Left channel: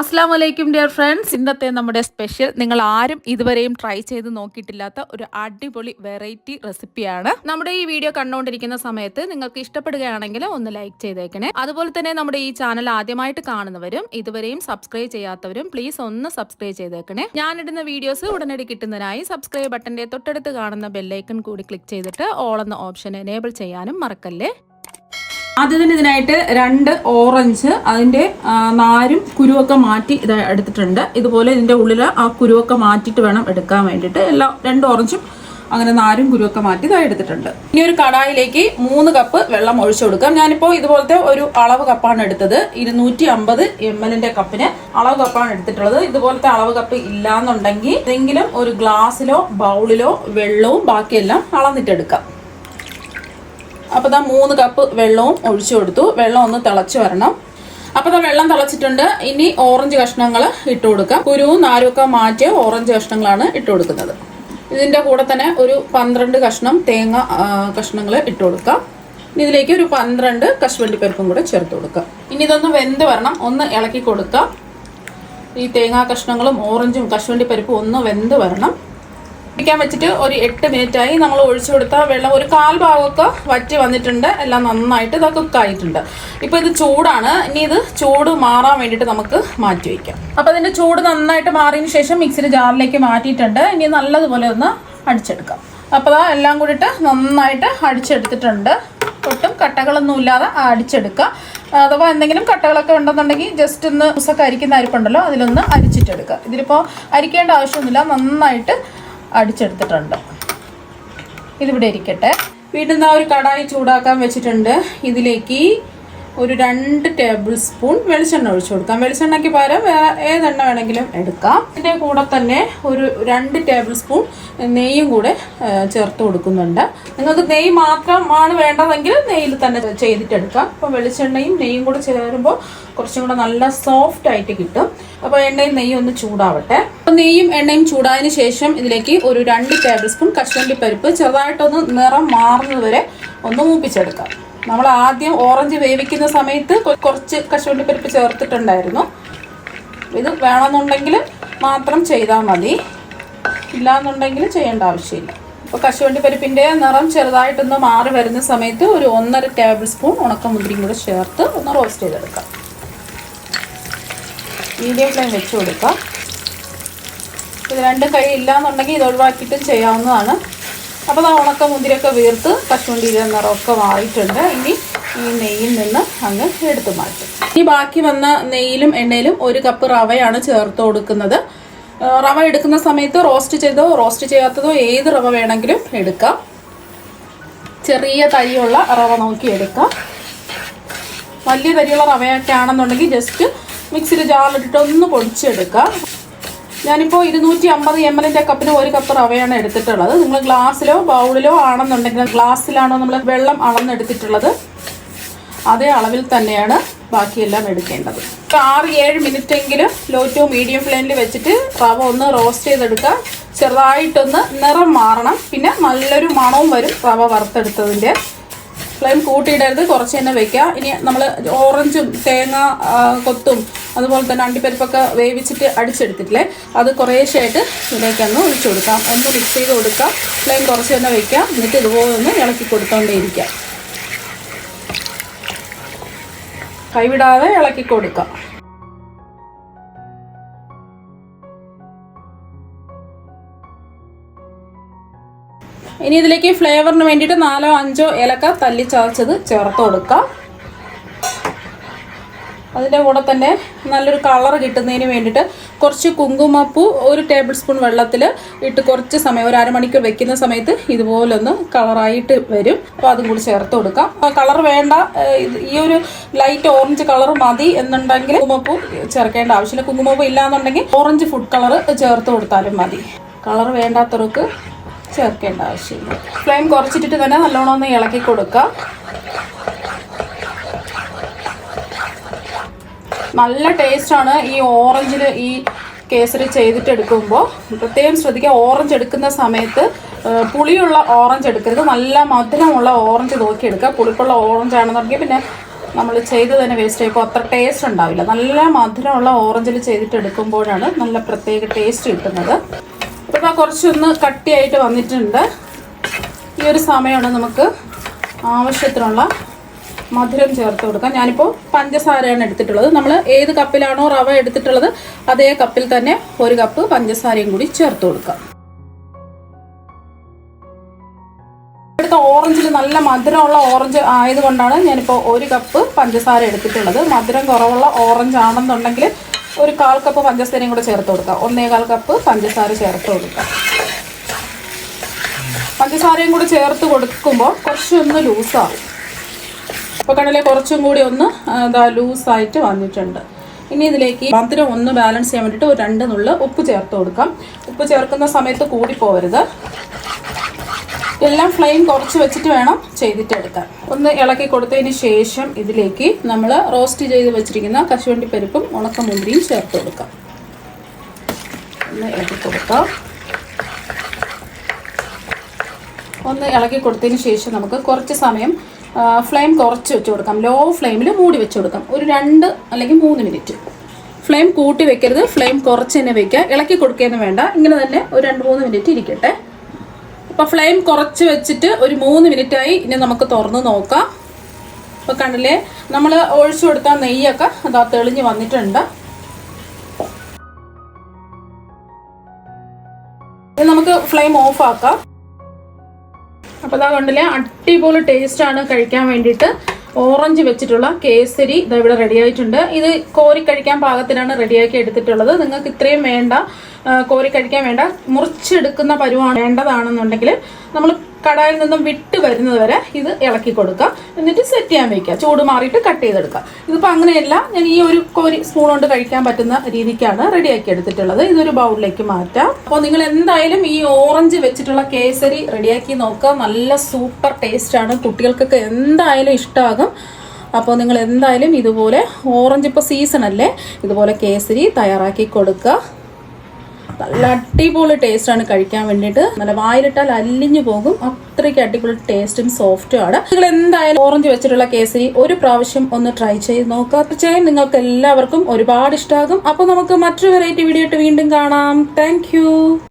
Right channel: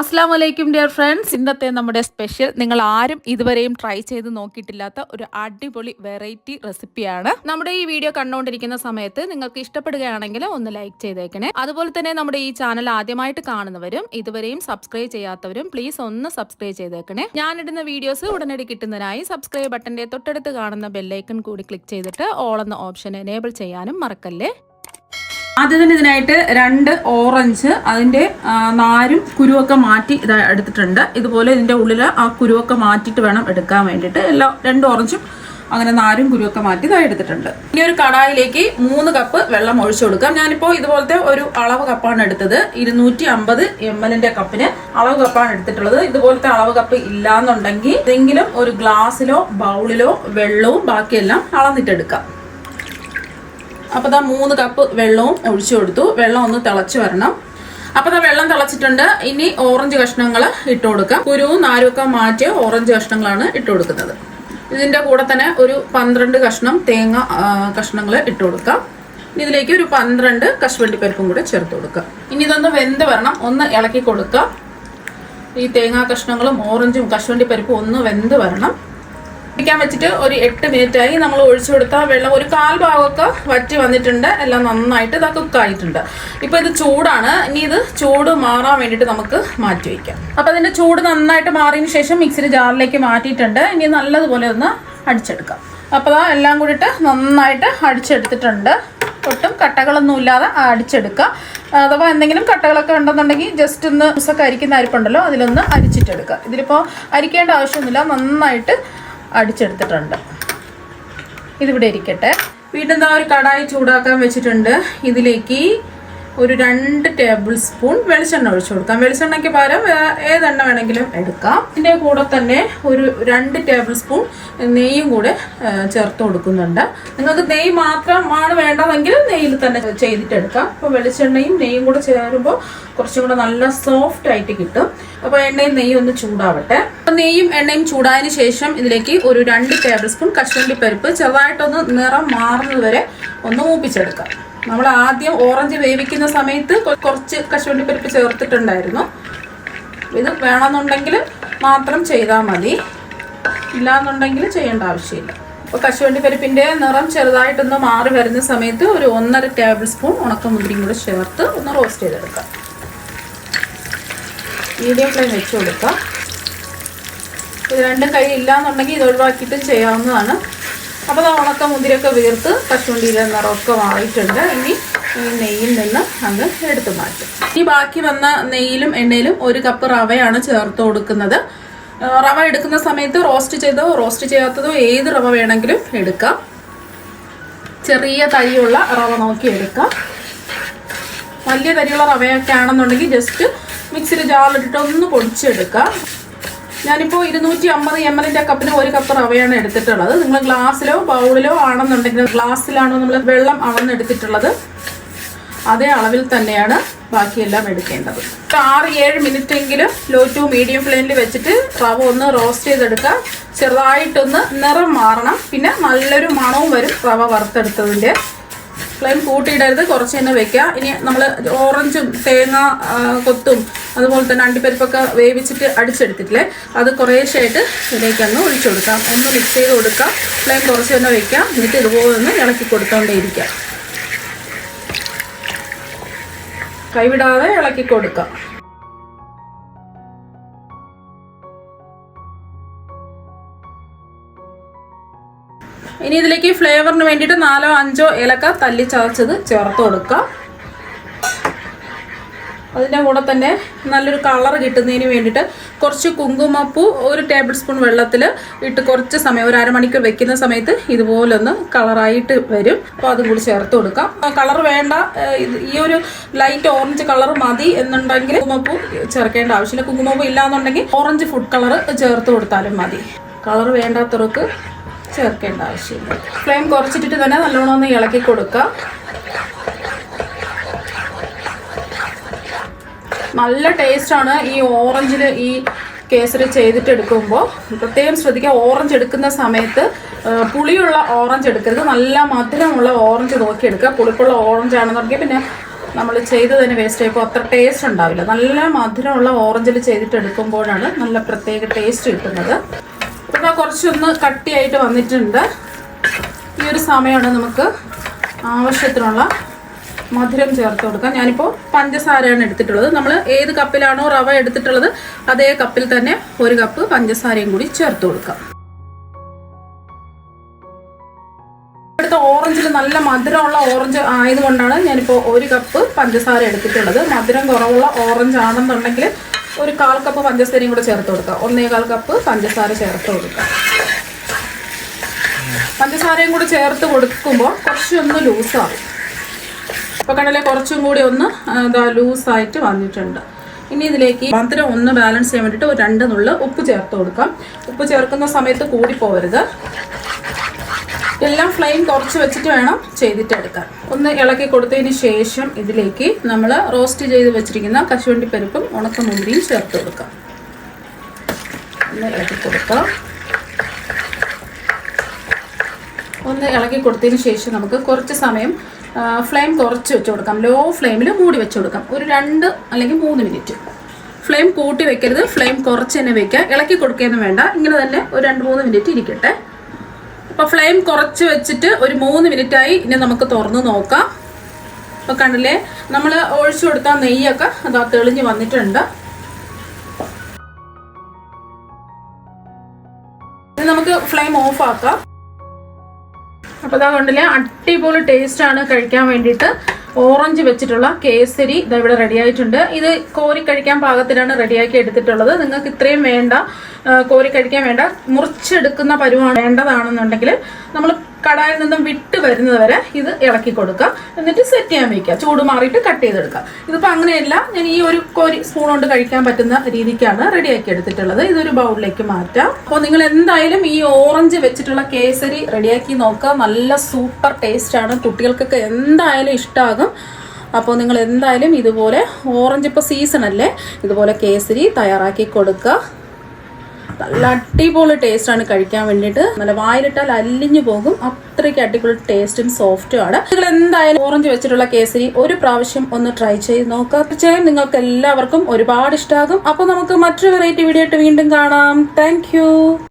അസ്സാം വലൈക്കും dear friends. ഇന്നത്തെ നമ്മുടെ സ്പെഷ്യൽ നിങ്ങൾ ആരും ഇതുവരെയും ട്രൈ ചെയ്ത് നോക്കിയിട്ടില്ലാത്ത ഒരു അടിപൊളി വെറൈറ്റി റെസിപ്പിയാണ്. നമ്മുടെ ഈ വീഡിയോ കണ്ടുകൊണ്ടിരിക്കുന്ന സമയത്ത് നിങ്ങൾക്ക് ഇഷ്ടപ്പെടുകയാണെങ്കിൽ ഒന്ന് ലൈക്ക് ചെയ്തേക്കണേ. അതുപോലെ തന്നെ നമ്മുടെ ഈ ചാനൽ ആദ്യമായിട്ട് കാണുന്നവരും ഇതുവരെയും സബ്സ്ക്രൈബ് ചെയ്യാത്തവരും പ്ലീസ് ഒന്ന് സബ്സ്ക്രൈബ് ചെയ്തേക്കണേ. ഞാനിടുന്ന വീഡിയോസ് ഉടനടി കിട്ടുന്നതിനായി സബ്സ്ക്രൈബ് ബട്ടന്റെ തൊട്ടടുത്ത് കാണുന്ന ബെല്ലൈക്കൺ കൂടി ക്ലിക്ക് ചെയ്തിട്ട് ഓൾ എന്ന ഓപ്ഷൻ എനേബിൾ ചെയ്യാനും മറക്കല്ലേ. ആദ്യം തന്നെ ഇതിനായിട്ട് 2 ഓറഞ്ച് അതിൻ്റെ നാരും കുരുവൊക്കെ മാറ്റി ഇത് എടുത്തിട്ടുണ്ട്. ഇതുപോലെ ഇതിൻ്റെ ഉള്ളിൽ ആ കുരുവൊക്കെ മാറ്റിയിട്ട് വേണം എടുക്കാൻ വേണ്ടിയിട്ട്. 2 ഓറഞ്ചും അങ്ങനെ നാരും കുരുവൊക്കെ മാറ്റി ഇതായി എടുത്തിട്ടുണ്ട്. ഇനി ഒരു കടായിലേക്ക് 3 കപ്പ് വെള്ളം ഒഴിച്ചു കൊടുക്കാം. ഞാനിപ്പോൾ ഇതുപോലത്തെ ഒരു അളവ് കപ്പാണ് എടുത്തത്. 250 ml കപ്പിന് അളവ് കപ്പാണ് എടുത്തിട്ടുള്ളത്. ഇതുപോലത്തെ അളവ് കപ്പ് ഇല്ലാന്നുണ്ടെങ്കിൽ ഏതെങ്കിലും ഒരു ഗ്ലാസ്സിലോ ബൗളിലോ വെള്ളവും ബാക്കിയെല്ലാം അളന്നിട്ടെടുക്കാം. അപ്പോൾ 3 കപ്പ് വെള്ളവും ഒഴിച്ചു കൊടുത്തു. വെള്ളം ഒന്ന് തിളച്ച് വരണം. അപ്പോൾ വെള്ളം തിളച്ചിട്ടുണ്ട്. ഇനി ഓറഞ്ച് കഷ്ണങ്ങൾ ഇട്ട് കൊടുക്കാം. കുരുവും നാരുമൊക്കെ മാറ്റിയ ഓറഞ്ച് കഷ്ണങ്ങളാണ് ഇട്ട് കൊടുക്കുന്നത്. ഇതിൻ്റെ കൂടെ തന്നെ ഒരു 12 കഷ്ണം തേങ്ങ കഷ്ണങ്ങൾ ഇട്ട് കൊടുക്കാം. ഇനി ഇതിലേക്ക് ഒരു 12 കശുവണ്ടിപ്പരിപ്പും കൂടെ ചേർത്ത് കൊടുക്കാം. ഇനി ഇതൊന്ന് വെന്ത് വരണം. ഒന്ന് ഇളക്കി കൊടുക്കാം. ഈ തേങ്ങാ കഷ്ണങ്ങളും ഓറഞ്ചും കശുവണ്ടിപ്പരിപ്പും ഒന്ന് വെന്ത് വരണം. ിക്കാൻ വെച്ചിട്ട് ഒരു 8 മിനിറ്റായി. നമ്മൾ ഒഴിച്ചു കൊടുത്ത വെള്ളം ഒരു 1/4 ഭാഗമൊക്കെ വറ്റി വന്നിട്ടുണ്ട്. എല്ലാം നന്നായിട്ട് ഇത് കുക്കായിട്ടുണ്ട്. ഇപ്പൊ ഇത് ചൂടാണ്. ഇനി ഇത് ചൂട് മാറാൻ വേണ്ടിയിട്ട് നമുക്ക് മാറ്റി വയ്ക്കാം. അപ്പൊ അതിന്റെ ചൂട് നന്നായിട്ട് മാറിയതിന് ശേഷം മിക്സിയുടെ ജാറിലേക്ക് മാറ്റിയിട്ടുണ്ട്. ഇനി നല്ലതുപോലെ ഒന്ന് അടിച്ചെടുക്കാം. അപ്പോൾ എല്ലാം കൂടിയിട്ട് നന്നായിട്ട് അടിച്ചെടുത്തിട്ടുണ്ട്. ഒട്ടും കട്ടകളൊന്നും ഇല്ലാതെ അടിച്ചെടുക്കുക. അഥവാ എന്തെങ്കിലും കട്ടകളൊക്കെ ഉണ്ടെന്നുണ്ടെങ്കിൽ ജസ്റ്റ് ഒന്ന് ദിവസമൊക്കെ അരിക്കുന്ന അരിപ്പുണ്ടല്ലോ അതിലൊന്ന് അരിച്ചിട്ടെടുക്കുക. ഇതിലിപ്പോൾ അരിക്കേണ്ട ആവശ്യമൊന്നുമില്ല. നന്നായിട്ട് അടിച്ചെടുത്തിട്ടുണ്ട്. ഇതിവിടെ ഇരിക്കട്ടെ. വീണ്ടും ഒരു കടായി ചൂടാക്കാൻ വെച്ചിട്ടുണ്ട്. ഇതിലേക്ക് ഒരു 2 ടേബിൾ സ്പൂൺ വെളിച്ചെണ്ണ ഒഴിച്ചു കൊടുക്കാം. വെളിച്ചെണ്ണയ്ക്ക് പകരം ഏതെണ്ണ വേണമെങ്കിലും എടുക്കാം. ഇതിൻ്റെ കൂടെ തന്നെ ഒരു 2 ടേബിൾ സ്പൂൺ നെയ്യും കൂടെ ചേർത്ത് കൊടുക്കുന്നുണ്ട്. നിങ്ങൾക്ക് നെയ്യ് മാത്രമാണ് വേണ്ടതെങ്കിൽ നെയ്യിൽ തന്നെ ചെയ്തിട്ടെടുക്കാം. അപ്പോൾ വെളിച്ചെണ്ണയും നെയ്യും കൂടെ ചേരുമ്പോൾ കുറച്ചും കൂടെ നല്ല സോഫ്റ്റ് ആയിട്ട് കിട്ടും. അപ്പോൾ എണ്ണയും നെയ്യും ഒന്ന് ചൂടാവട്ടെ. അപ്പോൾ നെയ്യും എണ്ണയും ചൂടായതിന് ശേഷം ഇതിലേക്ക് ഒരു 2 ടേബിൾ സ്പൂൺ കശുവണ്ടിപ്പരിപ്പ് ചെറുതായിട്ടൊന്ന് നിറം മാറുന്നത് വരെ ഒന്ന് മൂപ്പിച്ചെടുക്കാം. നമ്മൾ ആദ്യം ഓറഞ്ച് വേവിക്കുന്ന സമയത്ത് കുറച്ച് കശുവണ്ടിപ്പരിപ്പ് ചേർത്തിട്ടുണ്ടായിരുന്നു. ഇത് വേണമെന്നുണ്ടെങ്കിൽ മാത്രം ചെയ്താൽ മതി, ഇല്ലാന്നുണ്ടെങ്കിൽ ചെയ്യേണ്ട ആവശ്യമില്ല. അപ്പോൾ കശുവണ്ടിപ്പരിപ്പിൻ്റെ നിറം ചെറുതായിട്ടൊന്ന് മാറി വരുന്ന സമയത്ത് ഒരു 1.5 ടേബിൾ സ്പൂൺ ഉണക്കമുന്തിരിയും കൂടെ ചേർത്ത് ഒന്ന് റോസ്റ്റ് ചെയ്തെടുക്കാം. മീഡിയം ഫ്ലെയിം വെച്ച് കൊടുക്കാം. ഇത് രണ്ടും കഴിയില്ലാന്നുണ്ടെങ്കിൽ ഇത് ഒഴിവാക്കിയിട്ടും ചെയ്യാവുന്നതാണ്. അപ്പോൾ ഉണക്കമുന്തിരിയൊക്കെ വീർത്ത് കശുവണ്ടിയുടെ നിറമൊക്കെ മാറിയിട്ടുണ്ട്. ഇനി ഈ നെയ്യിൽ നിന്ന് അങ്ങ് എടുത്തു മാറ്റും. ഇനി ബാക്കി വന്ന നെയ്യിലും എണ്ണയിലും 1 കപ്പ് റവയാണ് ചേർത്ത് കൊടുക്കുന്നത്. റവ എടുക്കുന്ന സമയത്ത് റോസ്റ്റ് ചെയ്തോ റോസ്റ്റ് ചെയ്യാത്തതോ ഏത് റവ വേണമെങ്കിലും എടുക്കാം. ചെറിയ തരിയുള്ള റവ നോക്കി എടുക്കാം. വലിയ തരിയുള്ള റവയൊക്കെ ആണെന്നുണ്ടെങ്കിൽ ജസ്റ്റ് മിക്സിയിൽ ജാറിലിട്ടിട്ട് ഒന്ന് പൊടിച്ചെടുക്കാം. ഞാനിപ്പോൾ 250 ml കപ്പിന് 1 കപ്പ് റവയാണ് എടുത്തിട്ടുള്ളത്. നിങ്ങൾ ഗ്ലാസ്സിലോ ബൗളിലോ ആണെന്നുണ്ടെങ്കിൽ ഗ്ലാസ്സിലാണോ നമ്മൾ വെള്ളം അളന്നെടുത്തിട്ടുള്ളത് അതേ അളവിൽ തന്നെയാണ് ബാക്കിയെല്ലാം എടുക്കേണ്ടത്. 6-7 മിനിറ്റെങ്കിലും ലോ ടു മീഡിയം ഫ്ലെയിമിൽ വെച്ചിട്ട് റവ ഒന്ന് റോസ്റ്റ് ചെയ്തെടുക്കുക. ചെറുതായിട്ടൊന്ന് നിറം മാറണം. പിന്നെ നല്ലൊരു മണവും വരും റവ വറുത്തെടുത്തതിൻ്റെ. ഫ്ലെയിം കൂട്ടിയിടരുത്, കുറച്ച് തന്നെ വെക്കുക. ഇനി നമ്മൾ ഓറഞ്ചും തേങ്ങ കൊത്തും അതുപോലെ തന്നെ അണ്ടിപ്പരിപ്പൊക്കെ വേവിച്ചിട്ട് അടിച്ചെടുത്തിട്ടില്ലേ, അത് കുറേശ്ശായിട്ട് ഇതിലേക്കൊന്ന് ഒഴിച്ചു കൊടുക്കാം. ഒന്ന് മിക്സ് ചെയ്ത് കൊടുക്കാം. ഫ്ലെയിം കുറച്ച് തന്നെ വെക്കാം. എന്നിട്ട് ഇതുപോലെ ഒന്ന് ഇളക്കി കൊടുത്തോണ്ടേയിരിക്കാം. കൈവിടാതെ ഇളക്കി കൊടുക്കാം. ഇനി ഇതിലേക്ക് ഫ്ലേവറിന് വേണ്ടിയിട്ട് 4-5 ഏലക്ക തല്ലി ചതച്ചത് ചേർത്ത് കൊടുക്കാം. അതിൻ്റെ കൂടെ തന്നെ നല്ലൊരു കളർ കിട്ടുന്നതിന് വേണ്ടിയിട്ട് കുറച്ച് കുങ്കുമപ്പൂ 1 ടേബിൾ സ്പൂൺ വെള്ളത്തിൽ ഇട്ട് കുറച്ച് സമയം ഒരു അരമണിക്കൂർ വെക്കുന്ന സമയത്ത് ഇതുപോലൊന്ന് കളറായിട്ട് വരും. അപ്പോൾ അതും കൂടി ചേർത്ത് കൊടുക്കാം. കളർ വേണ്ട, ഈ ഒരു ലൈറ്റ് ഓറഞ്ച് കളർ മതി എന്നുണ്ടെങ്കിൽ കുങ്കുമപ്പൂ ചേർക്കേണ്ട ആവശ്യമില്ല. കുങ്കുമപ്പൂ ഇല്ലാന്നുണ്ടെങ്കിൽ ഓറഞ്ച് ഫുഡ് കളർ ചേർത്ത് കൊടുത്താലും മതി. കളർ വേണ്ടാത്തവർക്ക് ചേർക്കേണ്ട ആവശ്യമില്ല. ഫ്ലെയിം കുറച്ചിട്ടിട്ട് തന്നെ നല്ലോണം ഒന്ന് ഇളക്കി കൊടുക്കുക. നല്ല ടേസ്റ്റാണ് ഈ ഓറഞ്ചിൽ ഈ കേസരി ചെയ്തിട്ട് എടുക്കുമ്പോൾ. പ്രത്യേകം ശ്രദ്ധിക്കുക, ഓറഞ്ച് എടുക്കുന്ന സമയത്ത് പുളിയുള്ള ഓറഞ്ച് എടുക്കരുത്. നല്ല മധുരമുള്ള ഓറഞ്ച് നോക്കി എടുക്കുക. പുളിപ്പുള്ള ഓറഞ്ച് ആണെന്നുണ്ടെങ്കിൽ പിന്നെ നമ്മൾ ചെയ്ത് തന്നെ വേസ്റ്റ് ആയപ്പോൾ അത്ര ടേസ്റ്റ് ഉണ്ടാവില്ല. നല്ല മധുരമുള്ള ഓറഞ്ചിൽ ചെയ്തിട്ട് എടുക്കുമ്പോഴാണ് നല്ല പ്രത്യേക ടേസ്റ്റ് കിട്ടുന്നത്. അപ്പോൾ ഞാൻ കുറച്ചൊന്ന് കട്ടിയായിട്ട് വന്നിട്ടുണ്ട്. ഈ ഒരു സമയമാണ് നമുക്ക് ആവശ്യത്തിനുള്ള മധുരം ചേർത്ത് കൊടുക്കാം. ഞാനിപ്പോൾ പഞ്ചസാരയാണ് എടുത്തിട്ടുള്ളത്. നമ്മൾ ഏത് കപ്പിലാണോ റവ എടുത്തിട്ടുള്ളത് അതേ കപ്പിൽ തന്നെ 1 കപ്പ് പഞ്ചസാരയും കൂടി ചേർത്ത് കൊടുക്കാം. ഇവിടുത്തെ ഓറഞ്ചിൽ നല്ല മധുരമുള്ള ഓറഞ്ച് ആയതുകൊണ്ടാണ് ഞാനിപ്പോൾ 1 കപ്പ് പഞ്ചസാര എടുത്തിട്ടുള്ളത്. മധുരം കുറവുള്ള ഓറഞ്ച് ആണെന്നുണ്ടെങ്കിൽ 1/4 കപ്പ് പഞ്ചസാരയും കൂടെ ചേർത്ത് കൊടുക്കാം. 1/4 കപ്പ് പഞ്ചസാര ചേർത്ത് കൊടുക്കാം. പഞ്ചസാരയും കൂടി ചേർത്ത് കൊടുക്കുമ്പോൾ കുറച്ചൊന്ന് ലൂസാകും. അപ്പോൾ കണ്ടല്ലേ, കുറച്ചും കൂടി ഒന്ന് ലൂസായിട്ട് വന്നിട്ടുണ്ട്. ഇനി ഇതിലേക്ക് മധുരം ഒന്ന് ബാലൻസ് ചെയ്യാൻ വേണ്ടിയിട്ട് 2 നുള്ള് ഉപ്പ് ചേർത്ത് കൊടുക്കാം. ഉപ്പ് ചേർക്കുന്ന സമയത്ത് കൂടി പോകരുത്. എല്ലാം ഫ്ലെയിം കുറച്ച് വെച്ചിട്ട് വേണം ചെയ്തിട്ടെടുക്കാൻ. ഒന്ന് ഇളക്കി കൊടുത്തതിന് ശേഷം ഇതിലേക്ക് നമ്മൾ റോസ്റ്റ് ചെയ്ത് വെച്ചിരിക്കുന്ന കശുവണ്ടിപ്പരിപ്പും ഉണക്കമുന്തിരിയും ചേർത്ത് കൊടുക്കാം. ഒന്ന് ഇളക്കി കൊടുക്കാം. ഒന്ന് ഇളക്കി കൊടുത്തതിന് ശേഷം നമുക്ക് കുറച്ച് സമയം ഫ്ലെയിം കുറച്ച് വെച്ച് കൊടുക്കാം. ലോ ഫ്ലെയിമിൽ മൂടി വെച്ച് കൊടുക്കാം. ഒരു 2 അല്ലെങ്കിൽ 3 മിനിറ്റ്. ഫ്ലെയിം കൂട്ടി വെക്കരുത്, ഫ്ലെയിം കുറച്ച് തന്നെ വെക്കുക. ഇളക്കി കൊടുക്കുകയൊന്നും വേണ്ട. ഇങ്ങനെ തന്നെ ഒരു 2-3 മിനിറ്റ് ഇരിക്കട്ടെ. അപ്പോൾ ഫ്ലെയിം കുറച്ച് വെച്ചിട്ട് ഒരു 3 മിനിറ്റായി. ഇനി നമുക്ക് തുറന്ന് നോക്കാം. അപ്പോൾ കണ്ടില്ലേ, നമ്മൾ ഒഴിച്ചു കൊടുത്ത നെയ്യൊക്കെ അതാ തെളിഞ്ഞ് വന്നിട്ടുണ്ട്. ഇനി നമുക്ക് ഫ്ലെയിം ഓഫ് ആക്കാം. അപ്പോൾ അതാ കണ്ടില്ലേ, അടിപൊളി ടേസ്റ്റാണ് കഴിക്കാൻ വേണ്ടിയിട്ട്. ഓറഞ്ച് വെച്ചിട്ടുള്ള കേസരി ഇതാ ഇവിടെ റെഡി ആയിട്ടുണ്ട്. ഇത് കോരി കഴിക്കാൻ പാകത്തിനാണ് റെഡിയാക്കി എടുത്തിട്ടുള്ളത്. നിങ്ങൾക്ക് ഇത്രയും വേണ്ട, കോരി കഴിക്കാൻ വേണ്ട, മുറിച്ചെടുക്കുന്ന പരുവാണ് വേണ്ടതാണെന്നുണ്ടെങ്കിൽ നമ്മൾ കടായിൽ നിന്നും വിട്ട് വരുന്നത് വരെ ഇത് ഇളക്കി കൊടുക്കുക. എന്നിട്ട് സെറ്റ് ചെയ്യാൻ വയ്ക്കുക. ചൂട് മാറിയിട്ട് കട്ട് ചെയ്തെടുക്കുക. ഇതിപ്പോൾ അങ്ങനെയല്ല, ഞാൻ ഈ ഒരു കോരി സ്പൂൺ കൊണ്ട് കഴിക്കാൻ പറ്റുന്ന രീതിക്കാണ് റെഡിയാക്കി എടുത്തിട്ടുള്ളത്. ഇതൊരു ബൗളിലേക്ക് മാറ്റാം. അപ്പോൾ നിങ്ങൾ എന്തായാലും ഈ ഓറഞ്ച് വെച്ചിട്ടുള്ള കേസരി റെഡിയാക്കി നോക്കുക. നല്ല സൂപ്പർ ടേസ്റ്റാണ്. കുട്ടികൾക്കൊക്കെ എന്തായാലും ഇഷ്ടമാകും. അപ്പോൾ നിങ്ങൾ എന്തായാലും ഇതുപോലെ, ഓറഞ്ച് ഇപ്പോൾ സീസൺ അല്ലേ, ഇതുപോലെ കേസരി തയ്യാറാക്കി കൊടുക്കുക. നല്ല അടിപൊളി ടേസ്റ്റാണ് കഴിക്കാൻ വേണ്ടിയിട്ട്. നല്ല വായിലിട്ടാൽ അലിഞ്ഞു പോകും. അത്രയ്ക്ക് അടിപൊളി ടേസ്റ്റും സോഫ്റ്റും ആണ്. നിങ്ങൾ എന്തായാലും ഓറഞ്ച് വെച്ചിട്ടുള്ള കേസരി ഒരു പ്രാവശ്യം ഒന്ന് ട്രൈ ചെയ്ത് നോക്കുക. തീർച്ചയായും നിങ്ങൾക്ക് എല്ലാവർക്കും ഒരുപാട് ഇഷ്ടമാകും. അപ്പോൾ നമുക്ക് മറ്റൊരു വെറൈറ്റി വീഡിയോ ആയിട്ട് വീണ്ടും കാണാം. താങ്ക്